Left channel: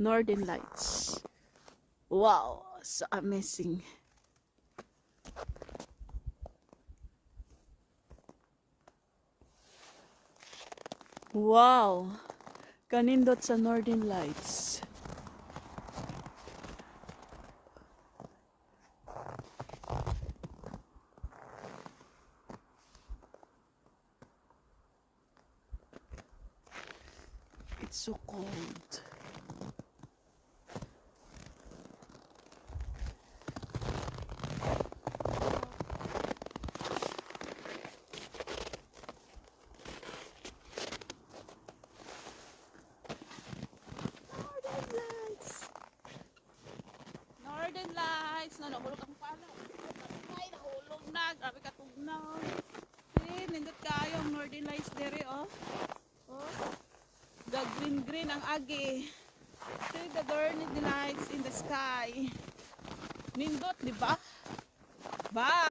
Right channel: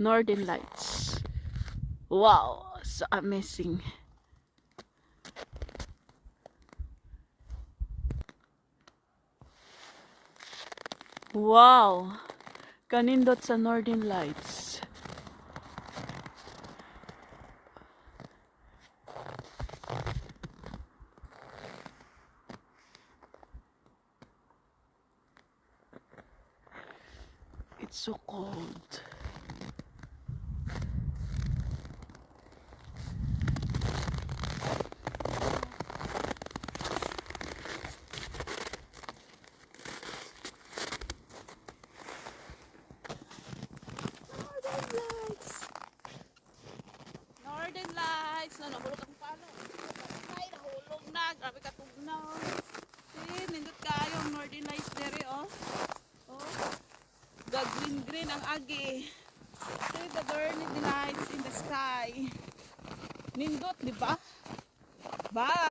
Northern Lights. Wow, so amazing. Wow, kanindot sa Northern Lights. It's so cold. Northern Lights. No, nahulog akong pala. Ay, nahulog na. Grabe katugnaw. See, nindot kayo ang Northern Lights dere, oh. Oh. The green ang agi. See the Northern Lights in the sky. Nindot, di ba? Bye.